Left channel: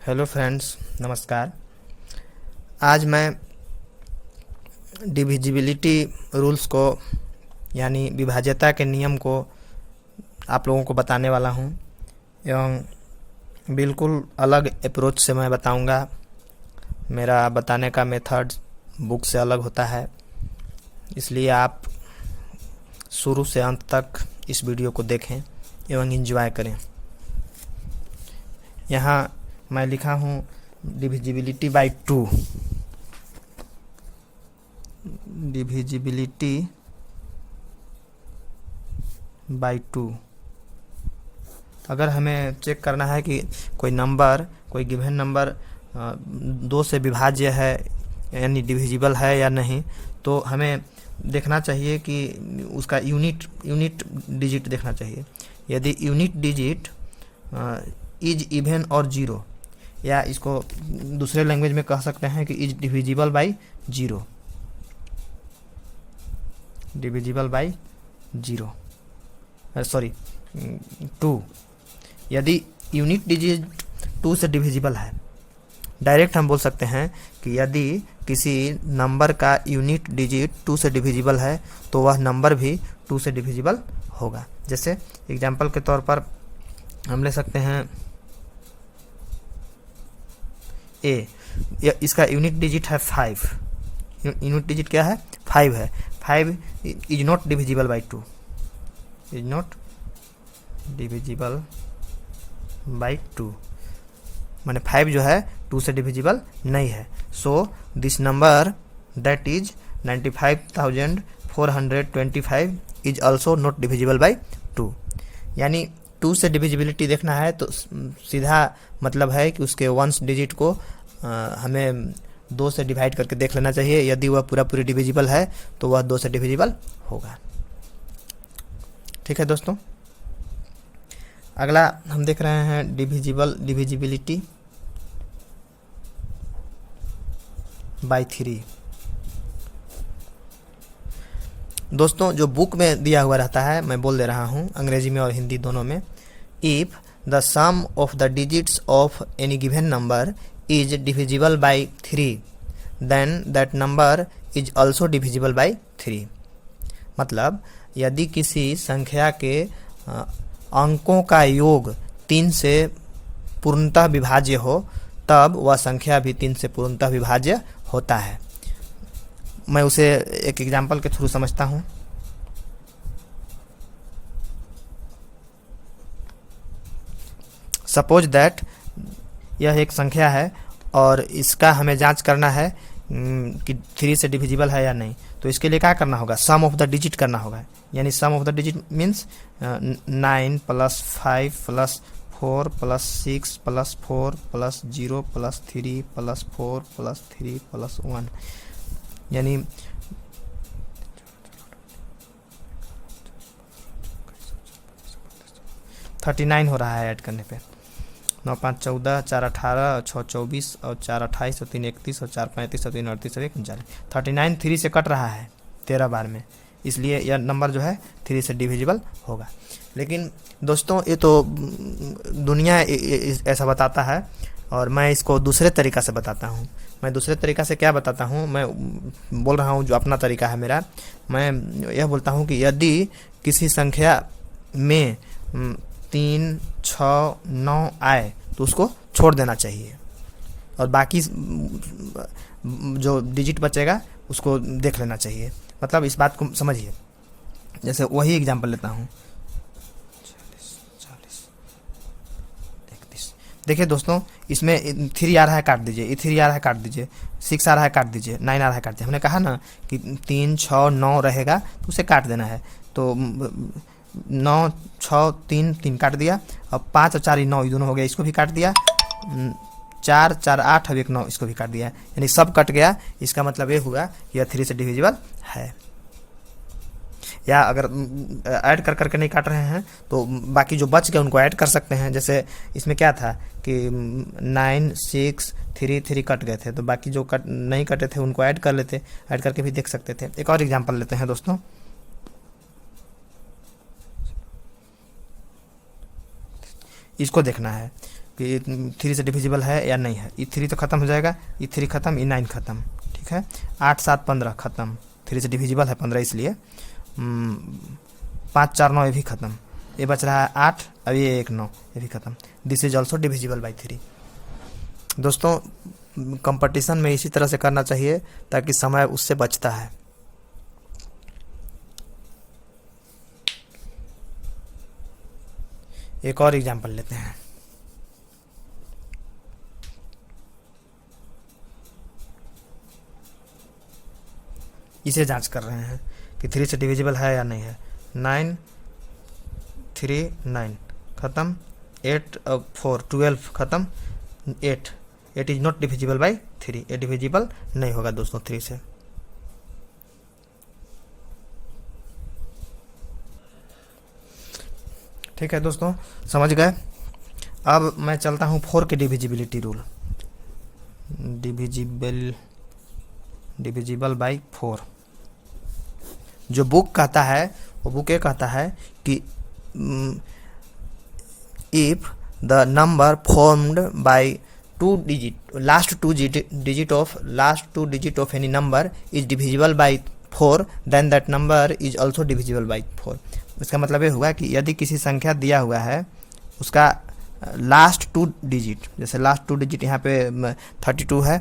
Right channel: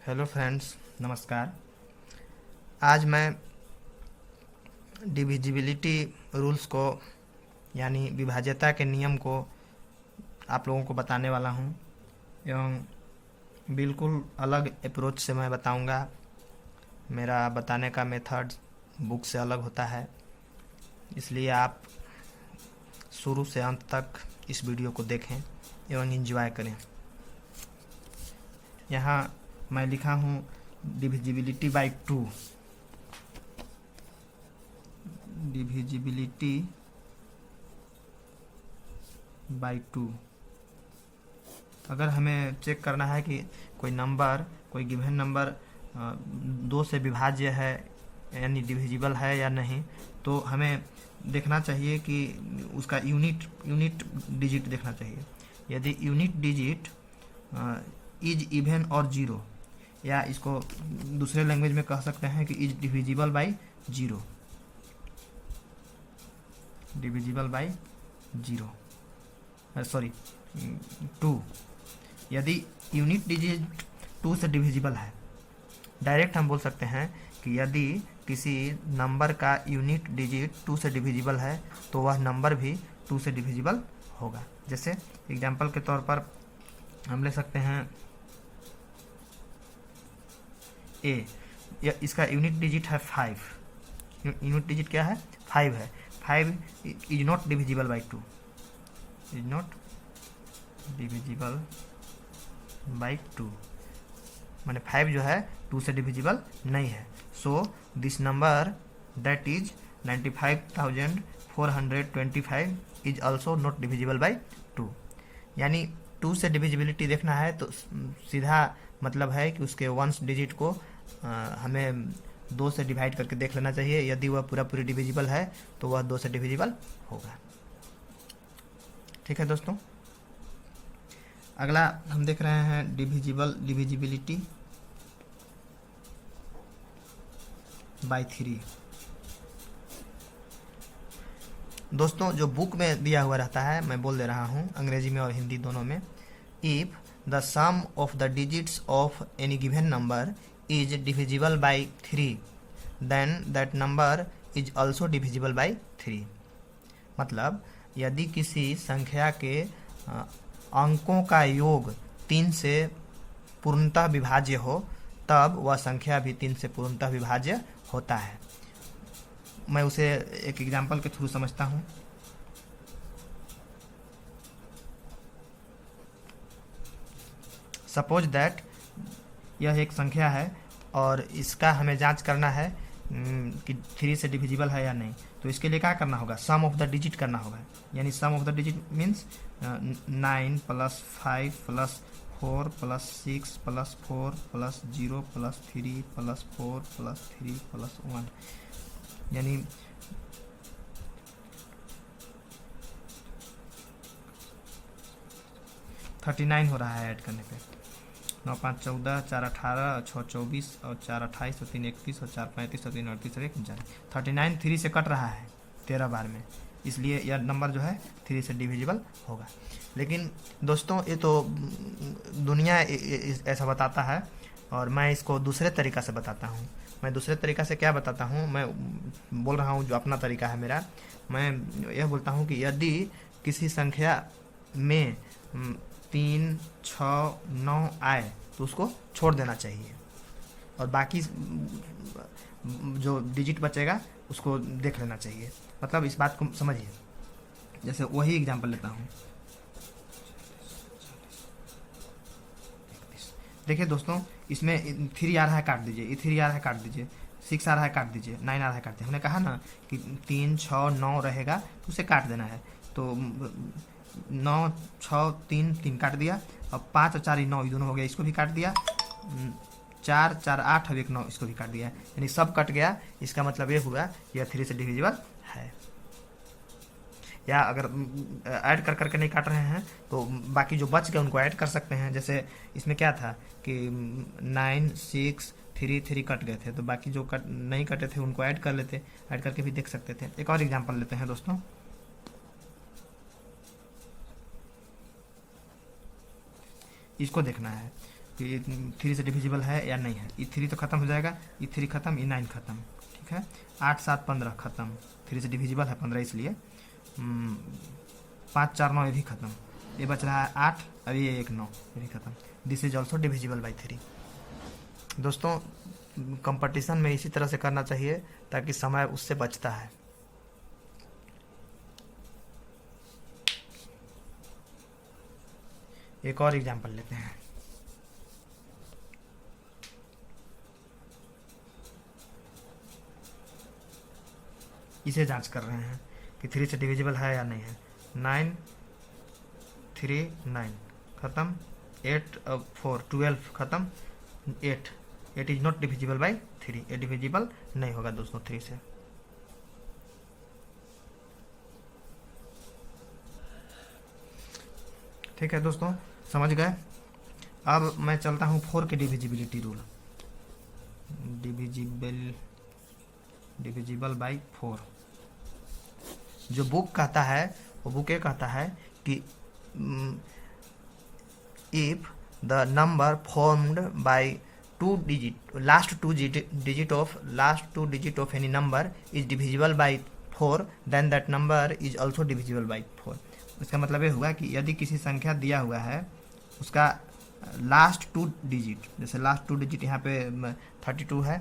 Hello friends, नमस्कार। आज मैं डिविजिबिलिटी रूल्स को यानी विभाज्यता के नियम को आप लोगों को बताने वाला हूं एवं बिल्कुल अलग अप्रोच से मैं बताऊंगा। मेरा बताने का मेथड बुक से अलग होता है, इसलिए आप शुरू से अंत तक इस वीडियो को देखें एवं एंजॉय करें। यहाँ मैं लिखा हूँ डिविजिबिलिटी बाय 2। Divisibility bye 2। अगर हमें चेक करना है कि कोई गिवन नंबर 2 से विभाज्य है यानी डिविजिबल है या नहीं, तो हमें देखना चाहिए कि उसका यूनिट डिजिट देखना चाहिए। यदि यूनिट डिजिट इज इवन और जीरो, या इसको दूसरे लैंग्वेज में कह सकते हैं कि is divisible by zero, divisible by zero, sorry 2। यदि यूनिट डिजिट 2 से डिविजिबल है, डायरेक्ट हम बोल सकते हैं कि यदि किसी नंबर का यूनिट डिजिट 2 से डिविजिबल है तो वह नंबर भी 2 से डिविजिबल होगा। जैसे एग्जांपल के तौर पर हम ले सकते हैं ए, इसका यूनिट डिजिट है 5। यूनिट डिजिट क्या है? 5 है। 5 is not divisible by 2, is not divisible by 2, माने 5 जो है 2 से डिविजिबल नहीं है। So this number that is 95,425 is also not divisible by 2। यानी 2 से डिविजिबिलिटी देखना है तो सीधा मतलब है कि उसके वंस डिजिट को हमें 2 से डिवाइड करके देख लेना चाहिए। यदि वह पूरी डिविजिबल है तो वह 2 से डिविजिबल होगा। ठीक है दोस्तों, अगला हम देख रहे हैं डिविजिबिलिटी बाय 3। दोस्तों, जो बुक में दिया हुआ रहता है, मैं बोल दे रहा हूँ अंग्रेजी में और हिंदी दोनों में। If the sum of the digits of any given number is divisible by 3 then that number is also divisible by 3। मतलब यदि किसी संख्या के अंकों का योग 3 से पूर्णतः विभाज्य हो, तब वह संख्या भी 3 से पूर्णतः विभाज्य होता है। मैं उसे एक एग्जाम्पल के थ्रू समझता हूँ। सपोज दैट यह एक संख्या है और इसका हमें जांच करना है कि 3 से डिविजिबल है या नहीं। तो इसके लिए क्या करना होगा? सम ऑफ द डिजिट करना होगा। यानी सम ऑफ द डिजिट मीन्स 9 + 5 + 4 + 6 + 4 + 0 + 3 + 4 + 3 + 1, यानी 39 हो रहा है ऐड करने पे। 9 × 5 = 14, 4 × 18, 6 × 24 और 4 × 28 और 3 × 31 और 4 × 35 और 3 × 38 और 1 × 39। 39 3 से कट रहा है 13 बार में, इसलिए यह नंबर जो है 3 से डिविजिबल होगा। लेकिन दोस्तों, ये तो दुनिया ऐसा बताता है और मैं इसको दूसरे तरीक़ा से बताता हूँ। मैं दूसरे तरीक़ा से क्या बताता हूँ? मैं बोल रहा हूँ जो अपना तरीका है मेरा। मैं यह बोलता हूँ कि यदि किसी संख्या में 3, 6, 9 आए तो उसको छोड़ देना चाहिए और बाकी जो डिजिट बचेगा उसको देख लेना चाहिए। मतलब इस बात को समझिए। जैसे वही एग्जांपल लेता हूँ। देखिए दोस्तों, इसमें 3 आ रहा है, काट दीजिए। 3 आ रहा है, काट दीजिए। 6 आ रहा है, काट दीजिए। 9 आ रहा है, काट दीजिए। हमने कहा ना कि 3, 6, 9 रहेगा तो उसे काट देना है। तो 9, 6, 3, 3 काट दिया। अब 5 और 4 9 दोनों हो गया, इसको भी काट दिया। 4, 4, 8 और 1 9, इसको भी काट दिया। यानी सब कट गया। इसका मतलब ये हुआ यह 3 से डिविजिबल है। या अगर ऐड कर करके नहीं काट रहे हैं तो बाकी जो बच गए उनको ऐड कर सकते हैं। जैसे इसमें क्या था कि 9, 6, 3, 3 कट गए थे, तो बाकी जो नहीं कटे थे उनको ऐड कर लेते, ऐड करके भी देख सकते थे। एक और एग्जांपल लेते हैं दोस्तों। इसको देखना है कि 3 से डिविजिबल है या नहीं है। ये 3 तो ख़त्म हो जाएगा, ये 3 ख़त्म, ये 9 ख़त्म, ठीक है। 8 7 15 ख़त्म, 3 से डिविजिबल है 15 इसलिए। 5 4 9 ये भी ख़त्म, ये बच रहा है 8, अब ये 1 9 ये भी ख़त्म। This is also divisible by 3। दोस्तों कंपटीशन में इसी तरह से करना चाहिए ताकि समय उससे बचता है। एक और एग्जांपल लेते हैं। इसे जांच कर रहे हैं कि 3 से डिविजिबल है या नहीं है। 9 3 9 ख़त्म, 8 4 12 ख़त्म, 8 8 इज नॉट डिविजिबल बाई 3, ये डिविजिबल नहीं होगा दोस्तों 3 से। ठीक है दोस्तों, समझ गए। अब मैं चलता हूँ 4 के डिविजिबिलिटी रूल। डिविजिबल बाई 4 जो बुक कहता है, वो बुक ये कहता है कि if the number formed by last two digit of any number is divisible by 4 then that number is also divisible by 4। इसका मतलब ये हुआ कि यदि किसी संख्या दिया हुआ है, उसका लास्ट 2 डिजिट, जैसे लास्ट 2 डिजिट यहाँ पे 32 है,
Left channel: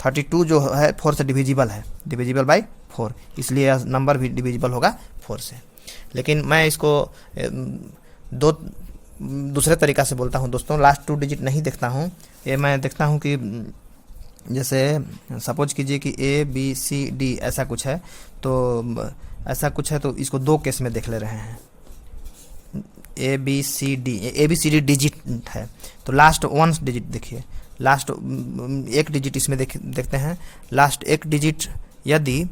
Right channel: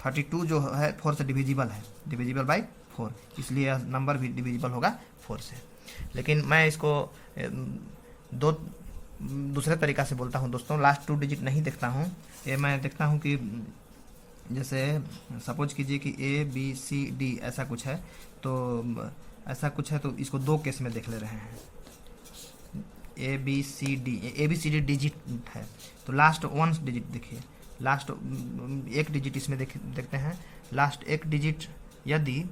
32 जो है 4 से डिविजिबल है, डिविजिबल बाई 4, इसलिए यह नंबर भी डिविजिबल होगा 4 से। लेकिन मैं इसको दूसरे तरीक़ा से बोलता हूँ दोस्तों। लास्ट 2 डिजिट नहीं देखता हूँ, ये मैं देखता हूँ कि जैसे सपोज कीजिए कि ABCD ऐसा कुछ है, तो ऐसा कुछ है तो इसको 2 केस में देख ले रहे हैं। ABCD डिजिट है तो लास्ट 1 डिजिट देखिए, लास्ट 1 डिजिट इसमें देखते हैं। लास्ट 1 डिजिट, यदि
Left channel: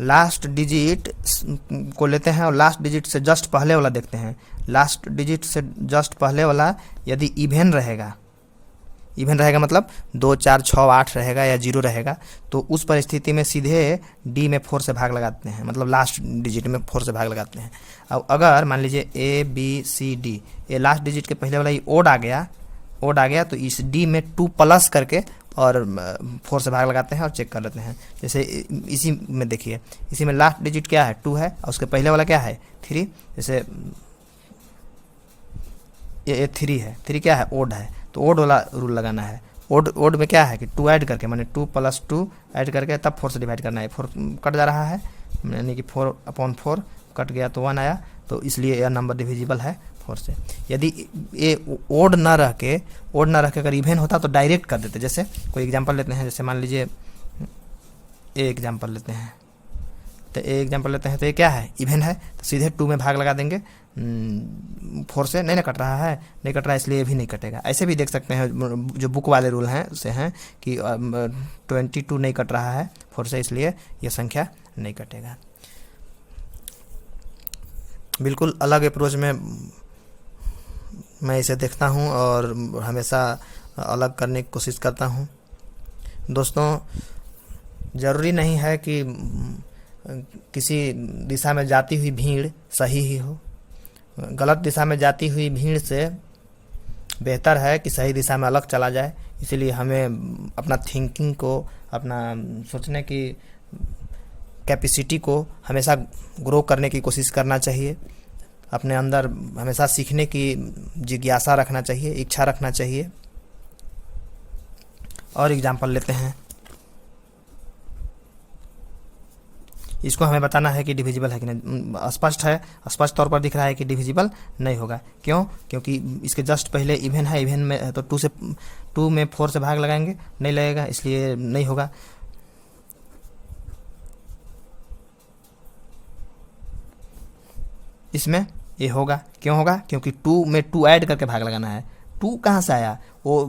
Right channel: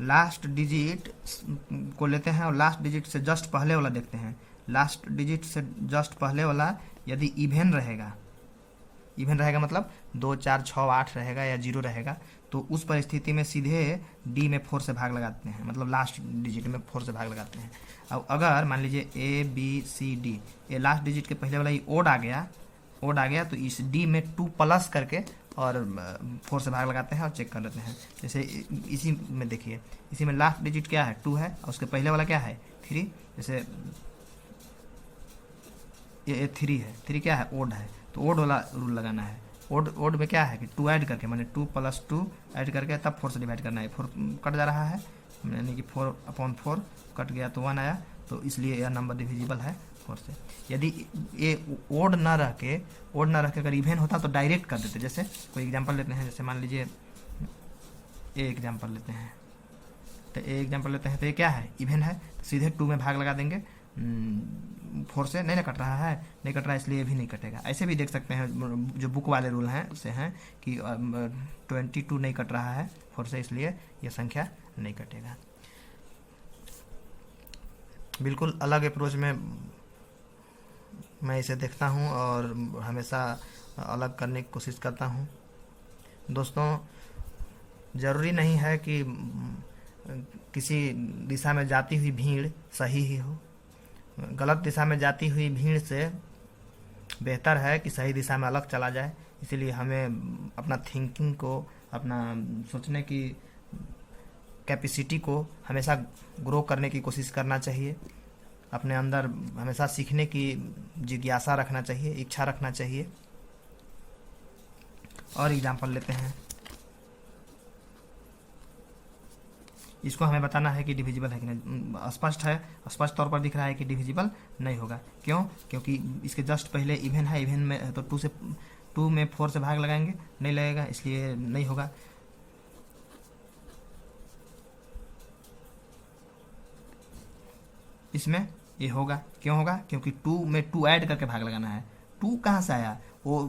लास्ट डिजिट को लेते हैं और लास्ट डिजिट से जस्ट पहले वाला देखते हैं। लास्ट डिजिट से जस्ट पहले वाला यदि इवेन रहेगा मतलब 2 4 6 8 रहेगा या 0 रहेगा, तो उस परिस्थिति में सीधे D में 4 से भाग लगाते हैं, मतलब लास्ट डिजिट में 4 से भाग लगाते हैं। अब अगर मान लीजिए ABCD, ये लास्ट डिजिट के पहले वाला ही ओड आ गया तो इस D में 2 प्लस करके और 4 से भाग लगाते हैं और चेक कर लेते हैं। जैसे इसी में देखिए, इसी में लास्ट डिजिट क्या है 2 है और उसके पहले वाला क्या है 3। जैसे ये 3 है, 3 क्या है ओड है, तो ओड वाला रूल लगाना है। ओड में क्या है कि 2 ऐड करके, माने 2 + 2 ऐड करके तब 4 से डिवाइड करना है। 4 कट जा रहा है, यानी कि 4/4 कट गया तो 1 आया, तो इसलिए यह नंबर डिविजिबल है 4 से। यदि ये ओड ना रह के अगर इवेन होता तो डायरेक्ट कर देते। जैसे कोई एग्जांपल लेते हैं, जैसे मान लीजिए ए एग्जांपल लेते हैं, तो ये क्या है इवेन है, तो सीधे 2 में भाग लगा देंगे। 4 से नहीं कट रहा है, इसलिए ये भी नहीं कटेगा। ऐसे भी देख सकते हैं, जो बुक वाले रूल हैं उससे हैं कि 22 नहीं कट रहा है 4 से, इसलिए यह संख्या नहीं कटेगा। बिल्कुल अलग अप्रोच में मैं इसे देखता हूँ और हमेशा अलग करने की कोशिश करता हूँ। दोस्तों ज़रूरी नहीं है कि किसी दिशा में जाती हुई भीड़ सही ही हो। गलत दिशा में जाती हुई भीड़ से बेहतर है कि सही दिशा में अलग चला जाए। इसीलिए हमें अपना थिंकिंग को, अपना सोचने की कैपेसिटी को हमेशा ग्रो करने की कोशिश करना चाहिए। अपने अंदर हमेशा सीखने की जिज्ञासा रखना चाहिए, इच्छा रखना चाहिए। और एग्जाम्पल लेते हैं, इसको हमें बताना है कि डिविजिबल है कि नहीं। स्पष्ट तौर पर दिख रहा है कि डिविजिबल नहीं होगा। क्यों? क्योंकि इसके जस्ट पहले इवेन है, इवेन में तो 2 में 4 से भाग लगाएंगे, नहीं लगेगा, इसलिए नहीं होगा। इसमें ये होगा। क्यों होगा? क्योंकि 2 में 2 ऐड करके भाग लगाना है। 2 कहाँ से आया? वो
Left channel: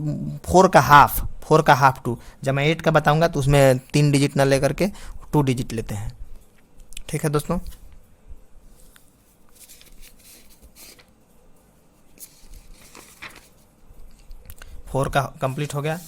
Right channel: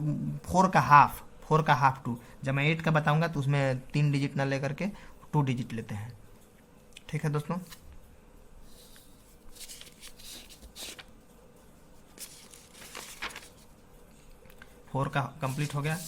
4 का हाफ 2। जब मैं 8 का बताऊंगा तो उसमें 3 डिजिट ना लेकर के 2 डिजिट लेते हैं। ठीक है दोस्तों, फोर का कंप्लीट हो गया।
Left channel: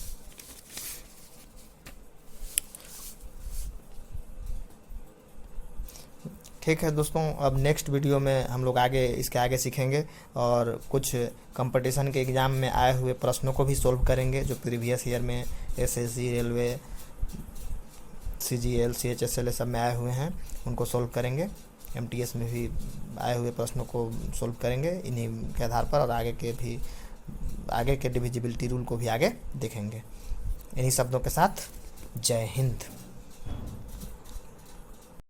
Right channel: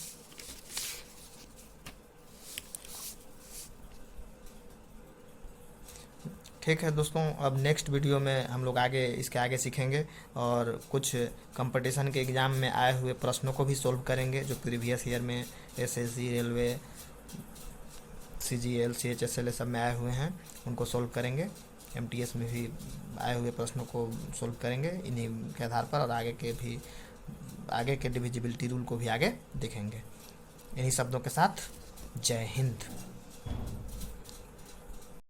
ठीक है दोस्तों, अब नेक्स्ट वीडियो में हम लोग आगे इसके आगे सीखेंगे और कुछ कंपटीशन के एग्ज़ाम में आए हुए प्रश्नों को भी सोल्व करेंगे, जो प्रीवियस ईयर में एसएससी, रेलवे, सीजीएल, सीएचएसएल सब में आए हुए हैं, उनको सोल्व करेंगे। एमटीएस में भी आए हुए प्रश्नों को सोल्व करेंगे इन्हीं के आधार पर, और आगे के डिविजिबिलिटी रूल को भी आगे देखेंगे। इन्हीं शब्दों के साथ जय हिंद।